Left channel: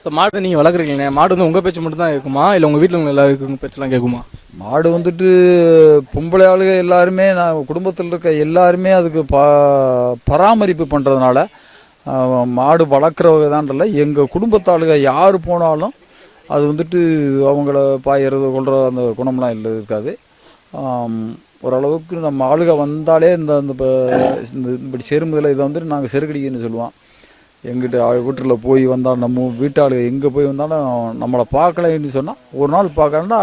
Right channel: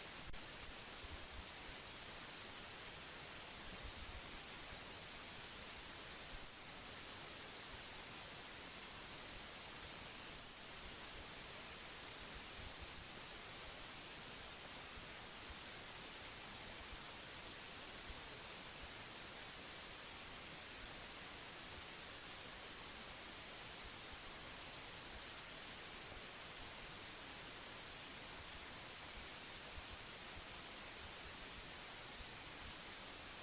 So மாடு நீங்கள் வளர்க்குறீங்களே, மாடு வந்து உங்கள் பேச்சு மட்டும் தான் கேட்குமா, இல்லை உங்கள் வீட்டில் உள்ள எல்லாருக்கும் பேச்செல்லாம் கேட்குமா? மாடு வந்துட்டு பொம்பளை ஆளுக எல்லாருமே, நான் குடும்பத்தில் இருக்க எல்லாருமே அதுக்கு பராமரிப்பு பண்ணுறதுனால மாடு வளர்க்குறவங்க தான்ல எங்கள் குடும்பத்தாளுக யார் போனாலும் அது வந்துட்டு அவங்கள பாயறது கொள்கிற அந்த குணம்லாம் இல்லை இருக்காது. ஓரளவுக்கு நம்ம ஆளுக வந்தாலே இந்த இப்படி செருமுதில் இதை வந்துட்டு நாங்கள் செருக்கடிக்குன்னு சொல்லுவோம். எங்கிட்ட வீட்டில் போய் வந்தால் நம்ம வீட்டாளுக எங்கே போய் வந்தாலும் நம்மளை பார்க்கலைன்னு சொன்னால், ஒரு நாள் பார்க்கலன்னா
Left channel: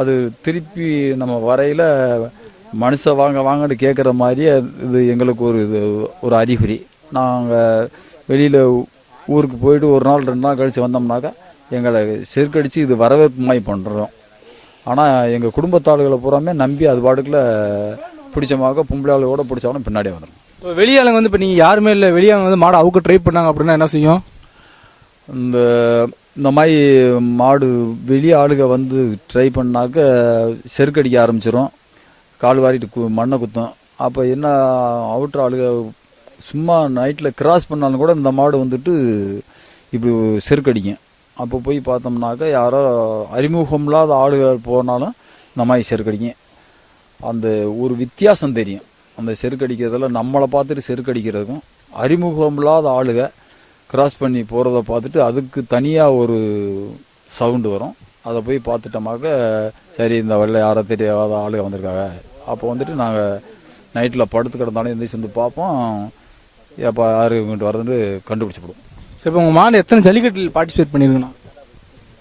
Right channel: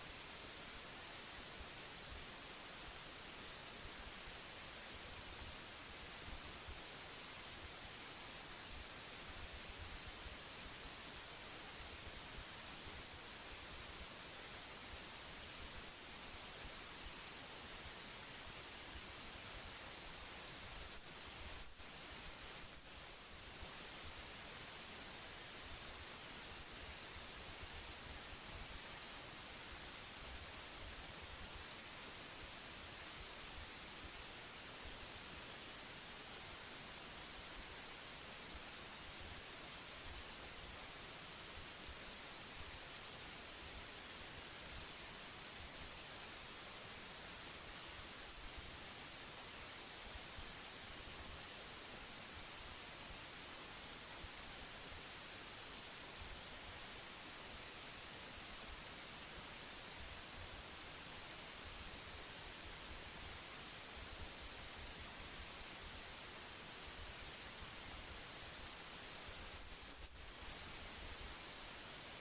அது திருப்பி நம்ம வரையில் மனுஷன் வாங்க வாங்கன்னு கேட்குற மாதிரியே இது எங்களுக்கு ஒரு அறிகுறி. நாங்கள் வெளியில் ஊருக்கு போயிட்டு ஒரு நாள் 2 நாள் கழித்து வந்தோம்னாக்கா எங்களை செருக்கடித்து இது வரவேற்பு மாதிரி பண்ணுறோம். ஆனால் எங்கள் குடும்பத்தாளுகளை பூராமே நம்பி அது பாட்டுக்குள்ள பிடிச்சமாக பொம்பளை ஆளுகளோட பிடிச்சாலும் பின்னாடியே வந்துடும். இப்போ வெளியாளுங்க வந்து இப்போ நீங்கள் யாருமே இல்லை, வெளியாளுங்க வந்து மாடை அவுக்க ட்ரை பண்ணாங்க அப்படின்னா என்ன செய்யும்? இந்த மாதிரி மாடு வெளி ஆளுக வந்து ட்ரை பண்ணாக்க செருக்கடிக்க ஆரம்பிச்சிடும், கால் வாரிட்டு மண்ணை குத்தும். அப்போ என்ன அவுட்ரு ஆளுக சும்மா நைட்டில் கிராஸ் பண்ணாலும் கூட இந்த மாடு வந்துட்டு இப்படி செருக்கடிக்கும். அப்போ போய் பார்த்தோம்னாக்கா யாரோ அறிமுகம் இல்லாத ஆளுக போனாலும் இந்த மாதிரி செருக்கடிக்கும். அந்த ஒரு வித்தியாசம் தெரியும். அந்த செருக்கடிக்கிறதுல நம்மளை பார்த்துட்டு செருக்கடிக்கிறதுக்கும் அறிமுகம் இல்லாத ஆளுக கிராஸ் பண்ணி போகிறத பார்த்துட்டு அதுக்கு தனியாக ஒரு சவுண்டு வரும். அதை போய் பார்த்துட்டோமாக்க சரி இந்த வெள்ளை யாரோ தெரியாத ஆளுக வந்திருக்காங்க. அப்போ வந்துட்டு நாங்கள் நைட்டில் படுத்து கிடந்தாலும் எந்திரிச்சு வந்து பார்ப்போம், எப்போ யார் இங்கிட்டு வரதுன்னு கண்டுபிடிச்சிவிடுவோம். சரி, இப்போ உங்கள் மாடு எத்தனை ஜல்லிக்கட்டில் பார்ட்டிசிபேட் பண்ணியிருக்குண்ணா?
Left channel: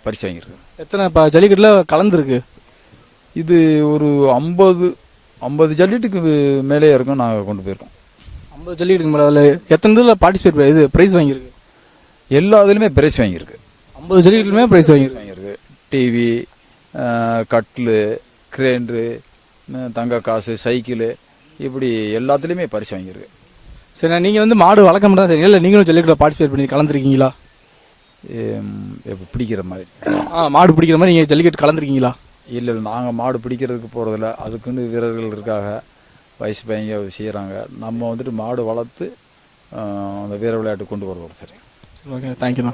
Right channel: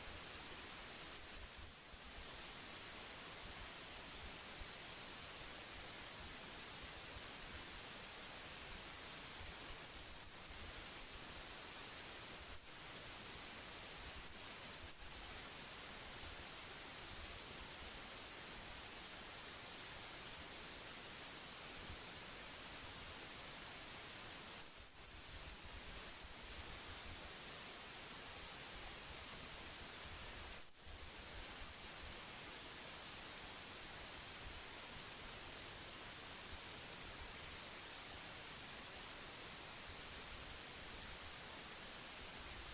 பரிசு வாங்கியிருக்கு. எத்தனை இப்போ ஜல்லிக்கட்டில் கலந்துருக்கு? இது ஒரு 50 ஜல்லிக்கட்டுக்கு மேலே இருக்கும். நாங்கள் கொண்டு போயிருக்கோம் 50 ஜல்லிக்கட்டுக்கு மேலே. அதில் எத்தனை இதில் பார்ட்டிசிபேட் இது ப்ரைஸ் வாங்கியிருக்கு? எல்லா இதுலையுமே பிரைஸ் வாங்கியிருக்கு. 50 ஜல்லிக்கட்டுமே ப்ரைஸ் வாங்கியிருக்கு. டிவி, கட்லு, கிரைண்டரு, தங்க காசு, சைக்கிளு, இப்படி எல்லாத்துலேயுமே பரிசு வாங்கியிருக்கு. சரி, நீங்கள் வந்து மாடு வளர்க்க மட்டும் தான் சரி, இல்லை நீங்களும் ஜல்லிக்கட்டில் பார்ட்டிசிபேட் பண்ணி கலந்துருக்கீங்களா? இப்போ பிடிக்கிற மாதிரி மாடு பிடிக்கிற மாதிரி நீங்கள் ஜல்லிக்கட்டு கலந்துருக்கீங்களா? இல்லை, நாங்கள் மாடு பிடிக்கிறதுக்கு போகிறதில்ல. அதுக்குன்னு வீரர்கள் இருக்காங்க, வயசு பையங்க செய்கிறாங்க. நம்ம வந்துட்டு மாடு வளர்த்து அந்த வீர விளையாட்டு கொண்டு போகிறது. சரி, ஓகே, தேங்க்யூண்ணா.